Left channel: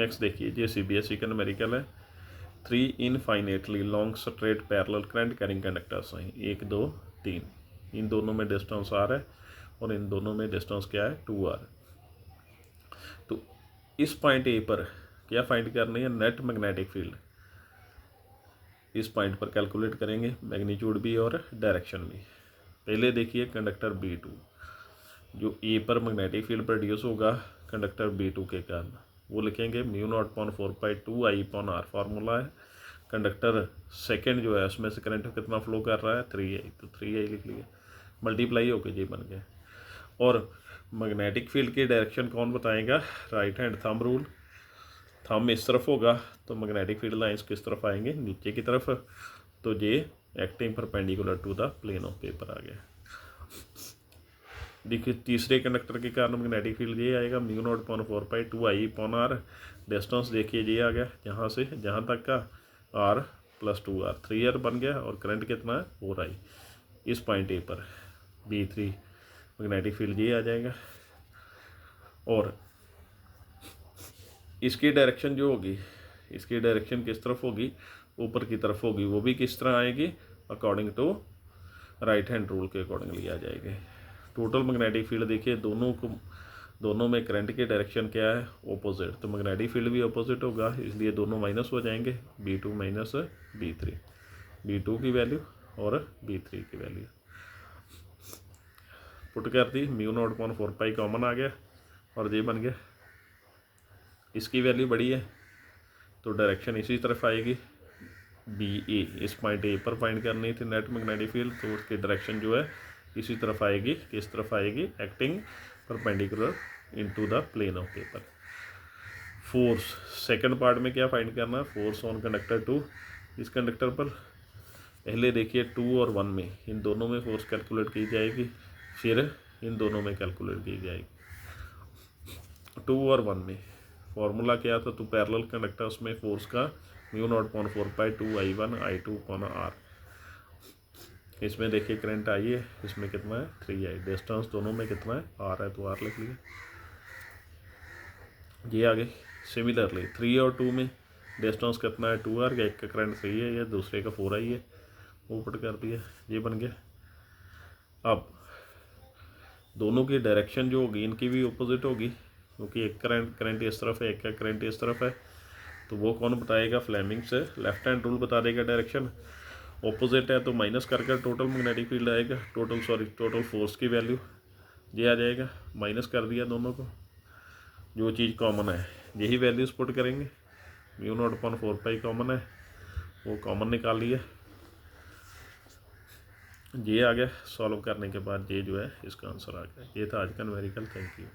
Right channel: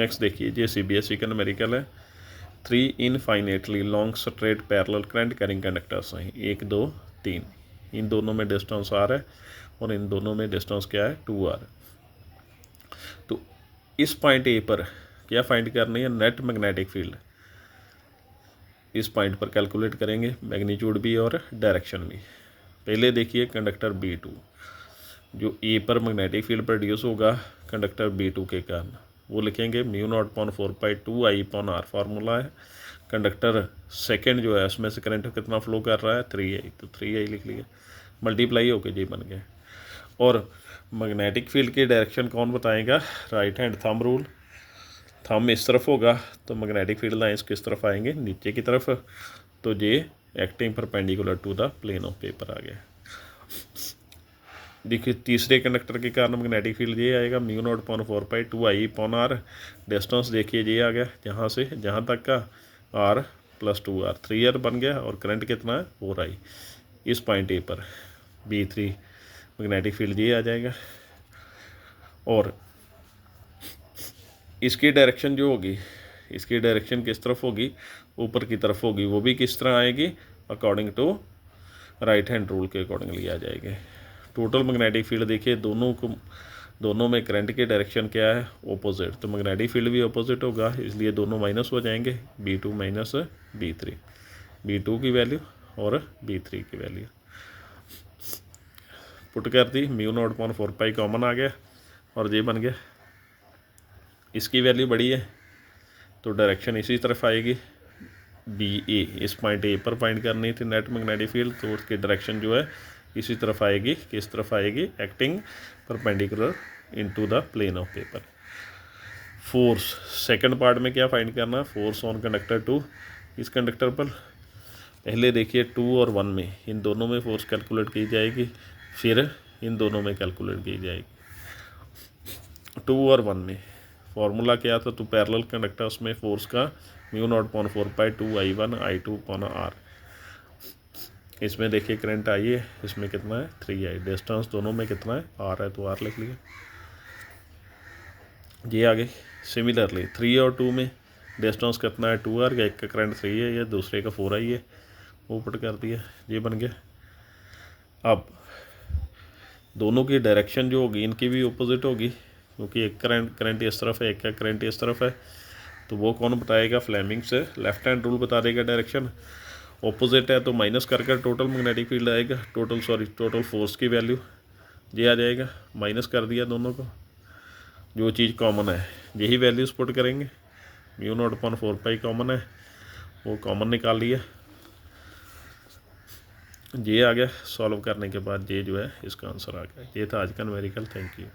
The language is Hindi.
नेक्स्ट देखिए ये CBSE का न्यूमेरिकल है। 3 infinitely long straight parallel current carrying conductors हैं, 1 2 3। इन दोनों में डिस्टेंस R है और इन दोनों में डिस्टेंस क्या है 2R। तो इस पॉइंट ए पर क्या फाइंड करनी है, नेट मैग्नेटिक फील्ड। इस पॉइंट पर कैलकुलेट करेंगे, मैग्नीट्यूड भी और डायरेक्शन भी। पहले देखिए कंडक्टर B2, जो ए पर मैग्नेटिक फील्ड प्रोड्यूस होगा कंडक्टर B2 के कारण, वो लिखेंगे μ0/4π2I/R फार्मूला है। कंडक्टर सेकंड जो है उसमें से करंट कितना फ्लो कर रहा है 3I, तो 3I लिख लिया, मल्टीप्लाई होके जी बन गया। और मैग्नेटिक फील्ड की डायरेक्शन कौन बताएगा, right hand thumb rule. Thumb इस तरफ होगा तो मैग्नेटिक फील्ड लाइंस किस तरफ आएंगे, नीचे की तरफ। तो ये acting perpendicular to the plane of paper आ गया। देखिए तीसरे कंडक्टर के कारण मैग्नेटिक फील्ड ये आएगा μ0/4π2I/R। डिस्टेंस देखिए ये आ गया जहाँ से जहाँ तक का R + 2R, 3R बन गया। और करंट कितना है 4I। इस पॉइंट ए पर B3 मैग्नेटिक फील्ड ये आ जाएगा। और इसकी डायरेक्शन जो होगी, इसकी डायरेक्शन किस तरफ होगी, ऊपर की तरफ होगी। वो भी किस तरह आएगी, according to right hand rule के अकॉर्डिंगली आ जाएगी। टोटल मैग्नेटिक फील्ड देखिए दोनों में करंट की डायरेक्शन क्या है, ऑपोजिट। तो मैग्नेटिक फील्ड भी ऑपोजिट होगा, इसलिए दोनों माइनस हो जाएंगे, B2 माइनस B3। B2 की वैल्यू और B3 की वैल्यू पुट कर दी, μ0/4π कॉमन आ गया और ये बन गया। इसकी वैल्यू बड़ी है तो डायरेक्शन इसी तरफ आएगी, DA। इस पॉइंट ए पर फाइंड करनी थी नेट मैग्नेटिक फील्ड, तो उसकी डायरेक्शन जो है इसी तरफ आएगी। किस तरफ आएगी, acting perpendicular into the plane of paper. Force second part में क्या फाइंड करना, फोर्स ऑन कंडक्टर 2। इस कंडक्टर पर पहले देखिए 2 और 1 में, इन दोनों में फोर्स कैलकुलेट की जाएगी, फिर इन दोनों में कैलकुलेट की जाएगी। 2 और 1 में फार्मूला क्या था, तो पैरेलल कंडक्टर्स में फोर्स का μ0/4π2I1I2/R। इसमें देखिए करंट आई है, इसमें कितना है 3I। डिस्टेंस दोनों में कितना है R है, तो R लिख लिया। ये आ गई। सिमिलरली 3 और 2 में डिस्टेंस कितना है 2R, एक का करंट 3 है या दूसरे का 4I है, वो पुट कर दिया, ये बन गया। अब दोनों की डायरेक्शन जो होगी इनकी भी ऑपोजिट होगी, क्योंकि एक करंट इस तरफ है, एक का करंट इस तरफ है। तो वो कौन बताएगा, फ्लेमिंग से लेफ्ट हैंड रूल बता देगा। डायरेक्शन ऑपोजिट है तो माइनस करके टोटल मैग्नेटिक फील्ड आएगा, टोटल फोर्स की वैल्यू ये आ जाएगा। माइनस कर दिया दोनों को, जो चीज़ कॉमन है यही वैल्यूज पुट करेंगे। μ0/4π कॉमन है, वो कॉमन निकाल लिया, ये आ गया। सॉल्व करने के बाद ये जो है इसका आंसर आ गया। ये था आज का न्यूमेरिकल। Thank you.